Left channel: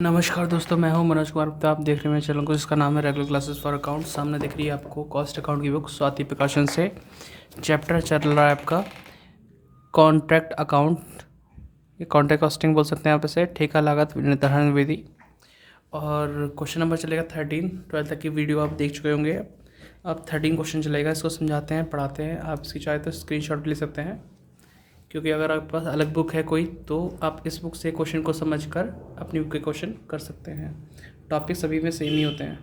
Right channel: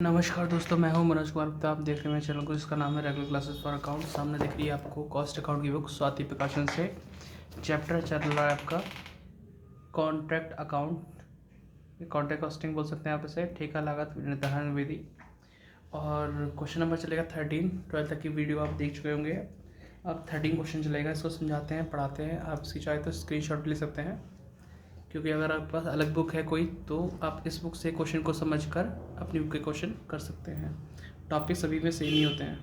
नमस्कार दोस्तों, मैं हूं मनोज कुमार गुप्ता। आप देख रहे हैं मेरे चैनल को जिसका नाम है रेगुलर क्लासेस फॉर अकाउंट। सामने दिख रही है आपको कॉस्ट अकाउंट की बुक स्वाति प्रकाशन से। चैप्टर चल रहा है आपका कॉन्ट्रैक्ट अकाउंट, ये कॉन्ट्रैक्ट कॉस्टिंग बोल सकते हैं आप इसे, ठेका लागत निर्धारण विधि। और क्वेश्चन नंबर चलेगा 13। 12 तक की वीडियो आप देख चुके होंगे। अब 13 क्वेश्चन चलेगा, इसको समझाते हैं, पढ़ाते हैं। आप इसकी चाहे तो स्क्रीनशॉट ले सकते हैं, क्योंकि अगर आपके पास अलग बुक है कोई तो आप इस बुक से क्वेश्चन को समझकर अपनी बुक के क्वेश्चन कर सकते हैं। टॉपिक सभी में सेम ही होते हैं,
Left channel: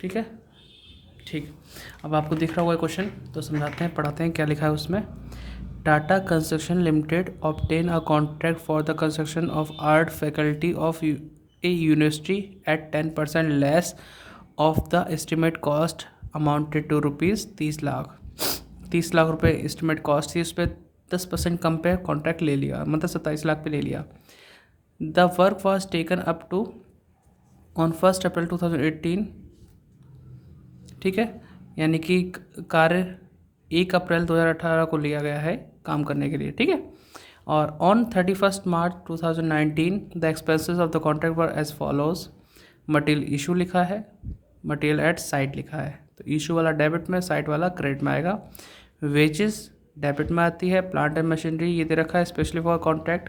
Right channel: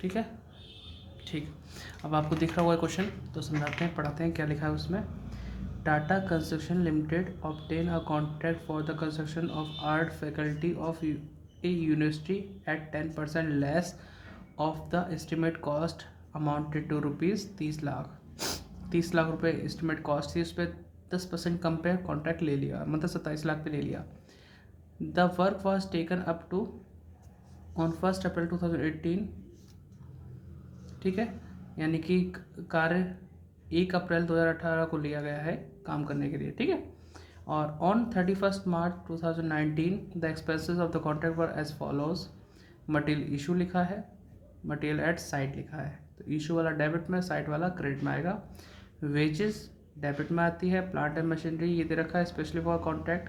ठीक है। ठीक, अब आपको दिख रहा हुआ है क्वेश्चन, तो समझाते हैं, पढ़ाते हैं क्या लिखा है उसमें। Tata Construction Limited obtain a contract for the construction of art faculty of a university at 10% less of the estimate cost amounted to ₹30 lakh. 30 lakh रुपए एस्टिमेट कॉस्ट थी, उस पर 10% कम पे कॉन्ट्रैक्ट ले लिया, मतलब 27 लाख पे ले लिया। The work was taken up to on 1 April 2018, ठीक है, यानी कि कार्य 1 अप्रैल 2018 को लिया गया है काम करने के लिए, ठीक है। और on 31 March 2019 the expenses of the contract were as follows. Material issue लिखा है, मटेरियल एट साइट लिखा है, तो इशू वाला डेबिट में, साइट वाला क्रेडिट में आएगा। वेजेस डेबिट में आती है। प्लांट एंड मशीनरी ये दे रखा है specially for contract,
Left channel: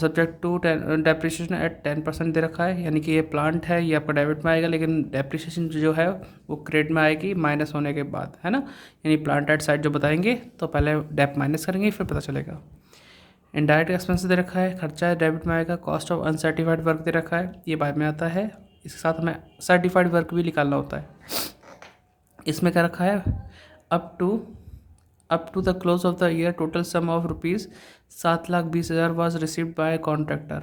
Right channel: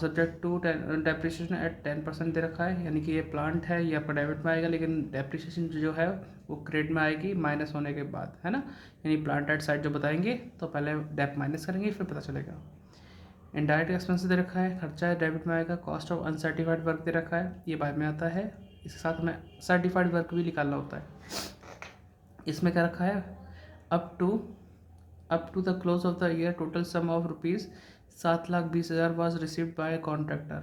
subject to depreciation at 10% दे रखा है, यानी कि ये प्लांट है, ये आपका डेबिट में आएगा, लेकिन डेप्रिसिएशन जो है वो क्रेडिट में आएगी माइनस होने के बाद, है ना। यानी प्लांट एट साइड जो बताएंगे तो पहले डेप माइनस करेंगे, फिर पता चलेगा। इनडायरेक्ट एक्सपेंस दे रखा है, खर्चा डेबिट में आएगा। कॉस्ट ऑफ अनसर्टिफाइड वर्क दे रखा है, ये बाद में आता है। इसके साथ हमें सर्टिफाइड वर्क भी निकालना होता है। इसमें क्या रखा है, up to the close of the year total sum of ₹7,20,000 was received by contractor.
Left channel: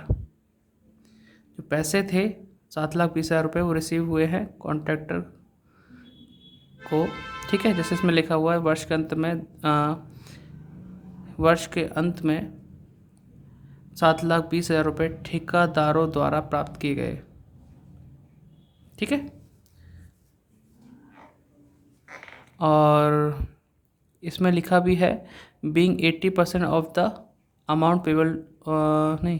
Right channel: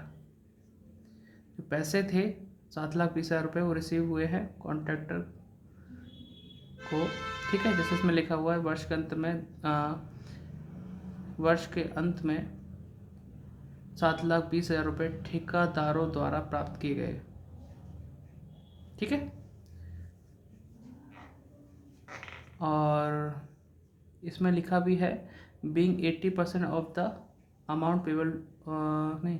जो पैसे थे 7,20,000 रुपये वो रिसीव हुए हैं कॉन्ट्रैक्टर को, ठीक है। जैसे इसमें लिखा हुआ है वर्ष के अंत में 7,20,000 रुपये ठेकेदारों द्वारा प्राप्त किए गए, ठीक है। और इसमें लिखा भी है being 80% of the amount payable, नहीं,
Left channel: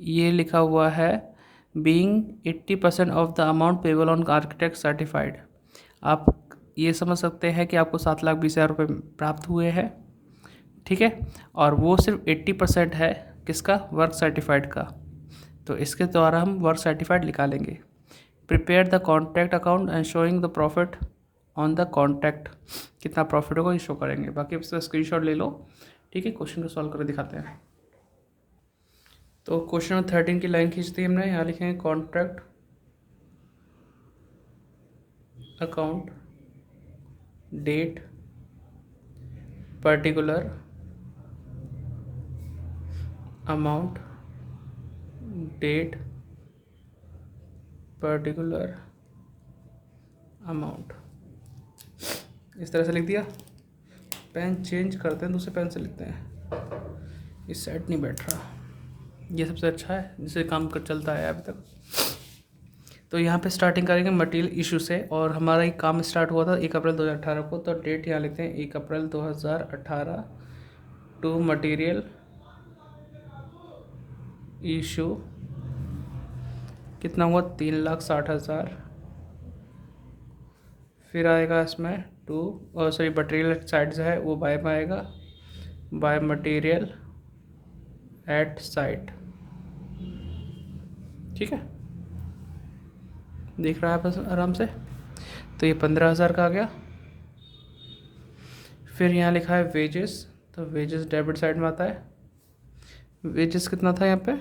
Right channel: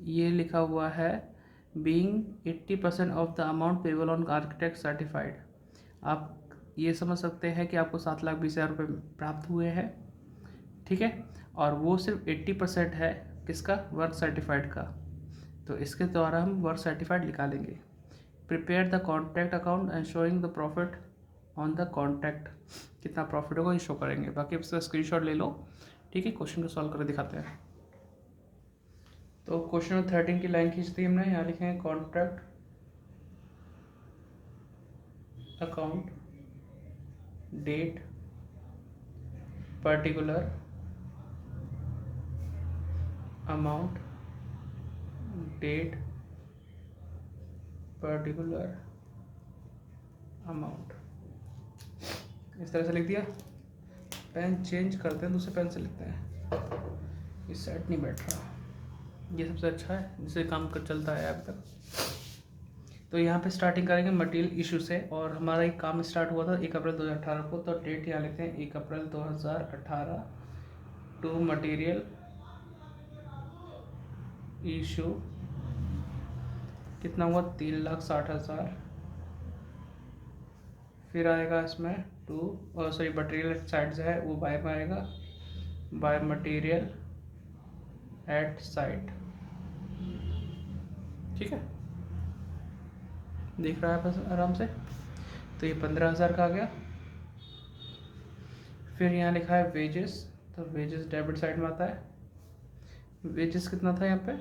ये लिखा हुआ है being 80% of the amount payable on architect certified. आप ये समझ सकते हैं कि आपको 7,20,000 रुपये प्राप्त हुए हैं, ठीक है, और वो सिर्फ 80% है किसका, वर्क सर्टिफाइड का, तो इसके द्वारा हम वर्क सर्टिफाइड निकालेंगे। Prepare the contract account and showing the profit on the contract, कितना प्रॉफिट होगा ये शो करेंगे। बाकी इसका स्क्रीनशॉट ले लो, ठीक है। क्वेश्चन को सॉल्व करके दिखाते हैं। तो क्वेश्चन नंबर 13 की लाइन खींच दी हमने, यहाँ लिखेंगे contract account date particular amount date particular amount, इस तरह से लिख दिया। पेन चेंज करते हैं, दूसरे पेन से लिखते हैं, इस सेट नहीं बैठ रहा, ये सबसे अच्छा है जिससे काम कर चलता है अभी तक। तो यहाँ पे स्टार्टिंग करेंगे मटेरियल इशू से, और हमारा ये काम स्टार्ट हुआ था 1 अप्रैल 2018 को, तो डेट यहाँ लिखते हैं 1 अप्रैल 2018 टू मटेरियल इशू, कितना हुआ 3,60,000। फिर आएगा इसमें मटेरियल साइड से है वो बाय में आएगा, बाय मटेरियल एट साइट, ठीक है, दिख रहा है बस आराम से। तो ये 15,000 का आ गया। फिर यहाँ लिखा है वेजेस, तो वेजेस डेबिट साइड में आता है। वेजेस कितना था यहाँ पे,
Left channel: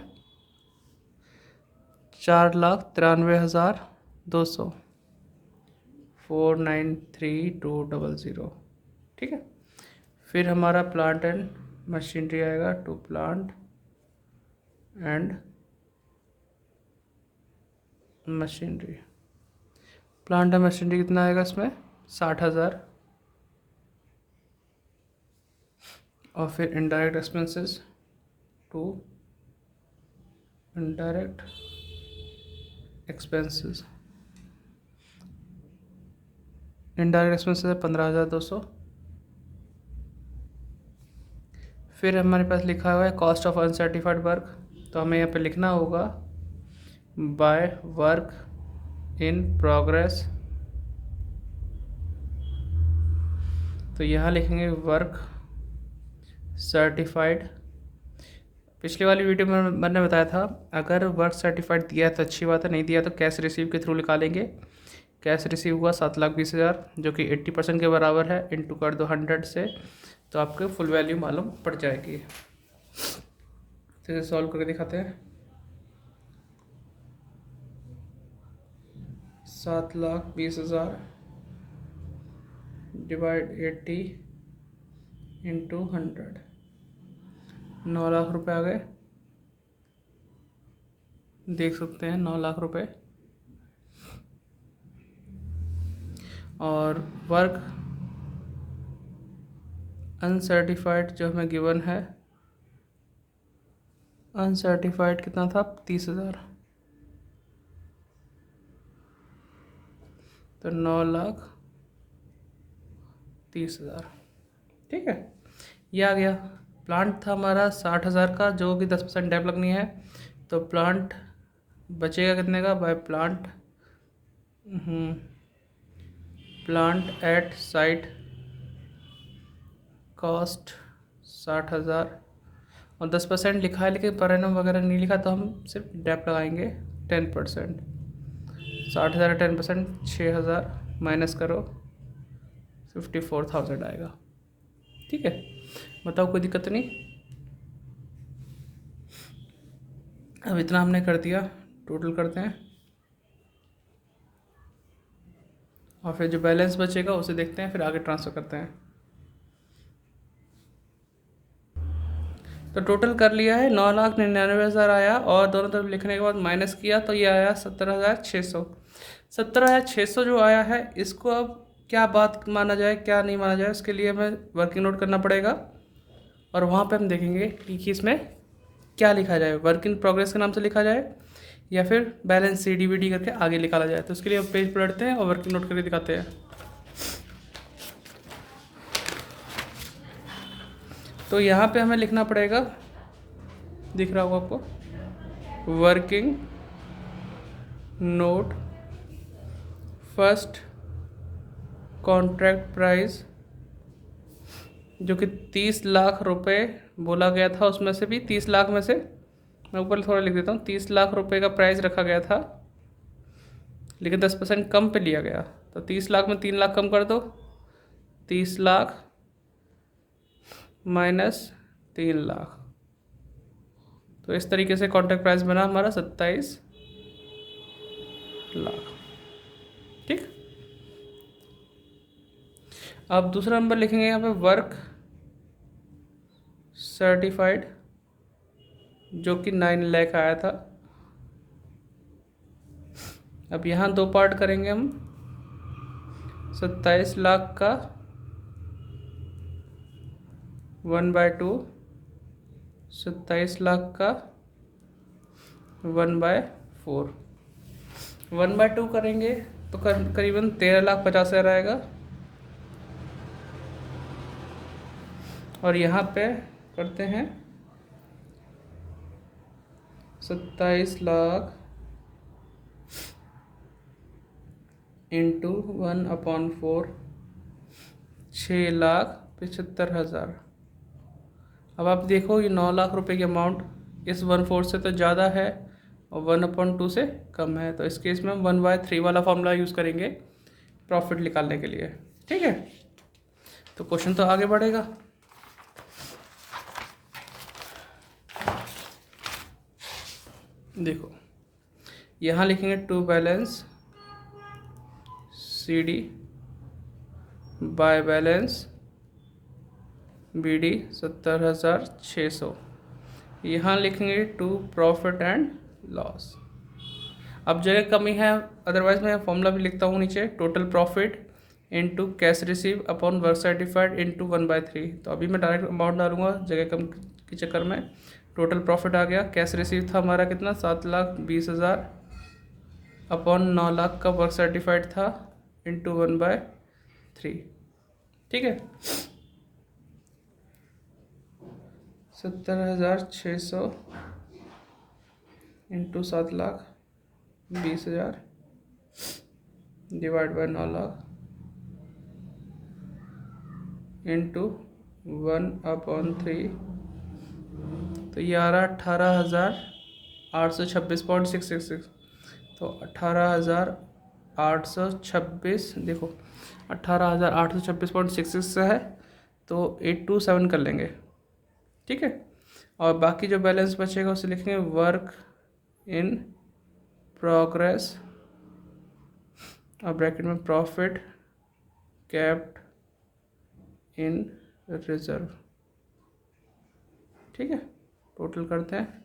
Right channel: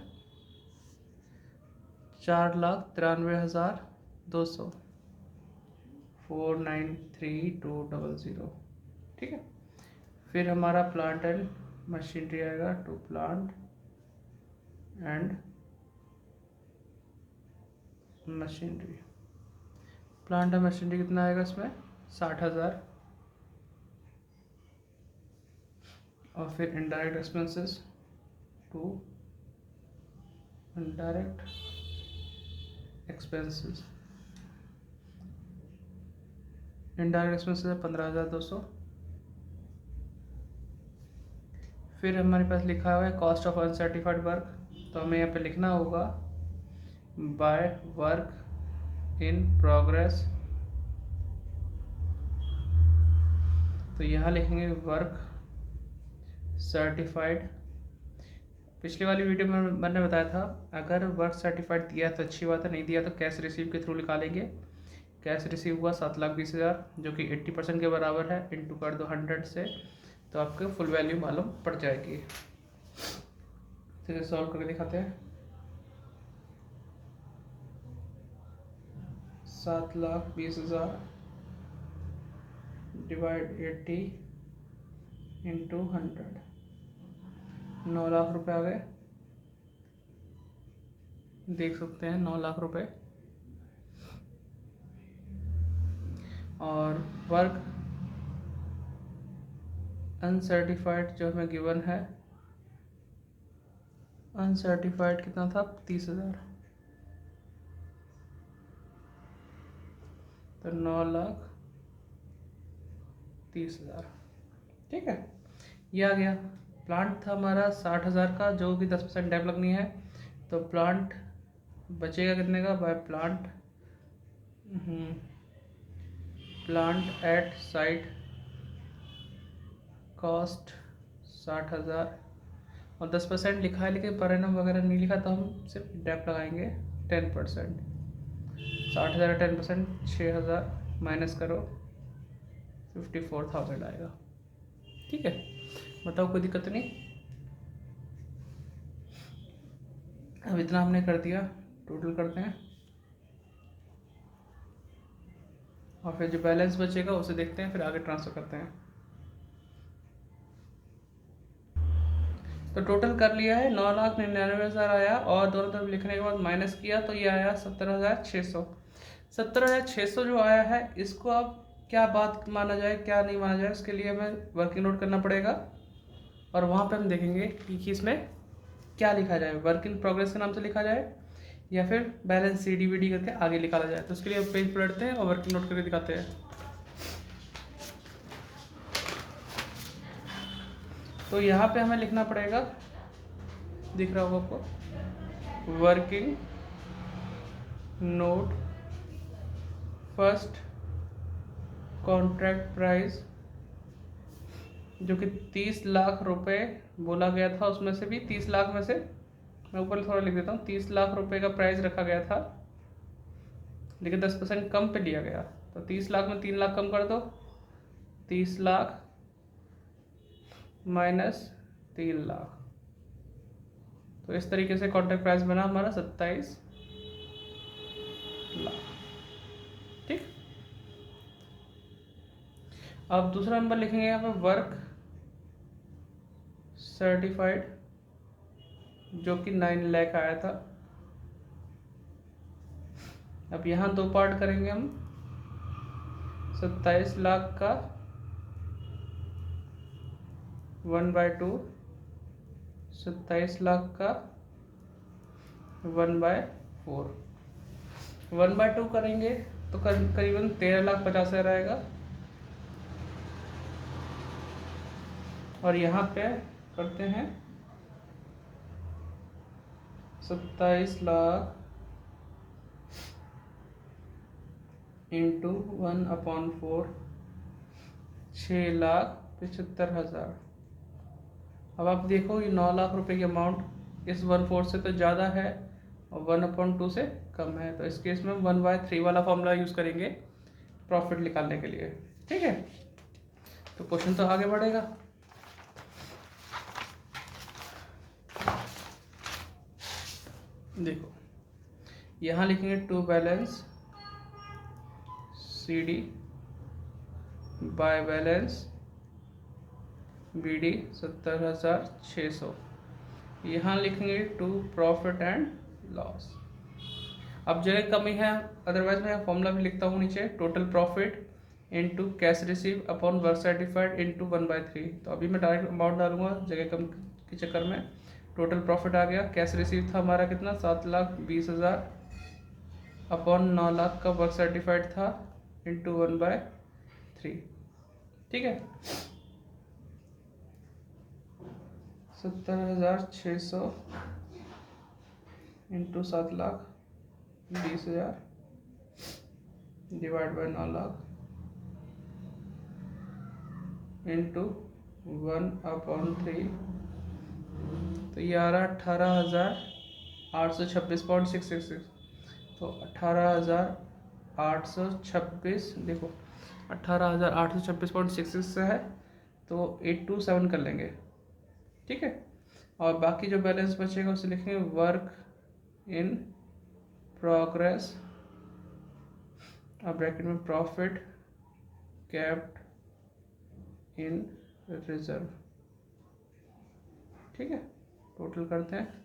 4,93,200, 493,200, ठीक है। फिर हमारा प्लांट एंड मशीनरी आएगा, to plant and machinery. Plant and machinery कितना आएगा इसमें, 60,000। और फिर indirect expenses, to indirect expenses, indirect expenses है 15,200। फिर हमारे पास लिखा हुआ है कॉस्ट ऑफ अनसर्टिफाइड वर्क, तो हमें यहाँ पे लिखना होगा बाय वर्क इन प्रोग्रेस। तो यहाँ लिखेंगे वर्क सर्टिफाइड। पिछली वाली वीडियो में मैंने बताया था अगर वर्क सर्टिफाइड दिया है तो अच्छी बात है, नहीं दिया तो कैश रिसीव के थ्रू निकालेंगे। कैश रिसीव हुआ 7,20,000 जो कि 80% के बराबर है, इंटू कर दो 100 से तो आपको फुल वैल्यू मालूम पड़ जाएगी। तो इसे सॉल्व करके दिखाते हैं। 7,20,000 डिवाइड 80 इंटू 100, 9 लाख रुपए आ गए। देख सकते हैं 9 लाख रुपए। और वर्क अनसर्टिफाइड जो हमें गिवन है, अनसर्टिफाइड कितना था 30,000, तो 9,30,000। ठीक है, ये आ गया। प्लांट था हमारा 60,000 का जो कि 10% डैप लगनी है, तो प्लांट बचेगा कितने का by plant, plant at site cost 60,000 और 10% लिखा है लेकिन पर एनम वगैरह नहीं लिखा, तो हम सिर्फ डैप लगाएंगे 10%। 60,000 10% 6,000 माइनस करो 54,000 आएगा। ठीक है, बताओ कोई दिक्कत नहीं। अब इतना हमने कर दिया, टोटल करते हैं और फिर जो बैलेंस बचेगा उसे देखते हैं, फिर आगे ट्रांसफ़र करते हैं। तो टोटल कर लिया है 9,99,000 आया और दोनों तरफ लिखने के बाद माइनस किया तो ये आया 17,600। 17,600 जो आया है इसको अब क्या बात माना जाए क्या नहीं माना जाए, उसके लिए हमें वर्किंग नोट करना पड़ेगा और वहाँ पे हम देखेंगे कि इसमें क्या लिखा जाए, वर्क इन प्रोग्रेस के नाम से लिखा जाए या फिर बैलेंस CDVD करके आगे निकाला जाए। तो उसके लिए हम पेज पलटते हैं और वर्किंग नोट करके दिखाते हैं। तो यहाँ पे हमें लिखना पड़ेगा, दिख रहा होगा आपको, working node first contract price जो कि 30 लाख रुपए बोला गया था, उसमें से भी 30 लाख में से मैं ऊपर थोड़ा लिख देता हूँ, 30 लाख रुपए का प्राइस रखा गया था लेकिन 10% कम पे लिया गया। तो 30 लाख में 3 लाख कम कर दो, 30 लाख माइनस 3 लाख, तो इस तरीके से कॉन्ट्रैक्ट प्राइस बना हमारा 27 लाख। ठीक, अब दूसरा नंबर लिखेंगे यहाँ पे वर्क सर्टिफाइड जो कि 9 लाख आया था। अब यहाँ दो पार्ट करेंगे हम, 27 लाख का 1/2, 27 लाख का 1/4। 1/2 करेंगे तो करीबन 13,50,000 आएगा और यहाँ पे करते हैं 27 लाख इंटू 1/4, 6,75,000। अब आप देखो ये 9 लाख रुपए की अमाउंट इस 1/4 से तो ज़्यादा है और 1/2 से कम है, तो इस केस में हम 1/3 वाला फॉर्मूला यूज़ करेंगे प्रॉफिट निकालने के लिए। ठीक है, तो क्वेश्चन तो आगे बढ़ेगा। देखो यहाँ लिखेंगे to balance CD by balance BD 70,600। यहाँ लिखेंगे टू प्रॉफिट एंड लॉस। अब जगह कमी है, अदरवाइज मैं फॉर्मूला भी लिखता हूँ नीचे, total profit into cash receive upon work certified into 1/3। तो अभी मैं डायरेक्ट अमाउंट डालूंगा जगह कम के चक्कर में। टोटल प्रॉफिट आ गया, कैश रिसीव था हमारा कितना 7,20,000 अपॉन 9 लाख का वर्क सर्टिफाइड था इंटू 1/3। ठीक है, 70,600 इंटू 7,20,000 डिवाइड बाय 9,00,000 इंटू 1/3, तो ये आ रहा 18,826.666। तो 18,826, देखो 18,826.66 है, तो 827 कर लेंगे, ठीक है। और बाकी जो बैलेंस बचेगा उसे लिखेंगे वर्क इन प्रोग्रेस और ब्रैकेट में प्रॉफिट कैप्ट इन रिजर्व, ठीक है। टोटल करते हैं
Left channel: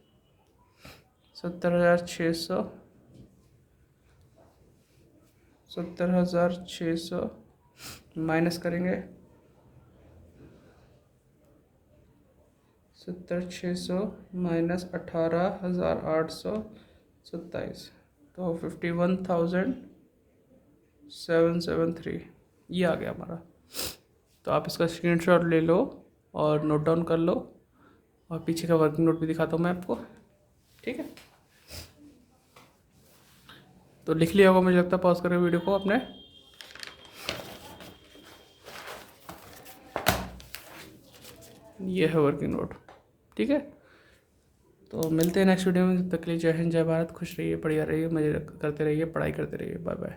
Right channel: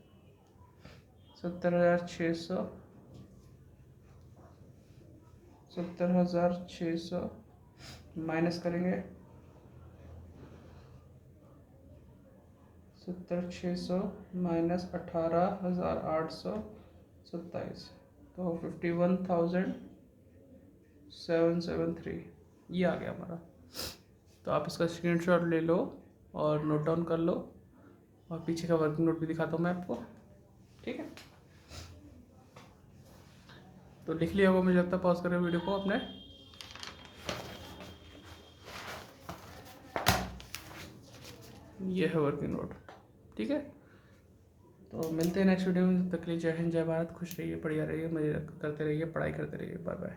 70,600 माइनस करेंगे 70,600 माइनस 18,827, तो 51,773 ये आ गया हमारा। तो आप इसका स्क्रीनशॉट ले लो और नोट डाउन कर लो, और पीछे का वर्किंग नोट भी दिखाता हूँ मैं आपको, ठीक है। तो लिख लिया होगा मुझे लगता है, पॉज करके वीडियो को अपने। ये है वर्किंग नोट, ठीक है। तो मिलते हैं नेक्स्ट वीडियो में, तब तक के लिए जय हिंद, जय भारत, खुश रहिए, बढ़िया रहिए, मजे करते रहिए, पढ़ाई करते रहिए, बाय बाय।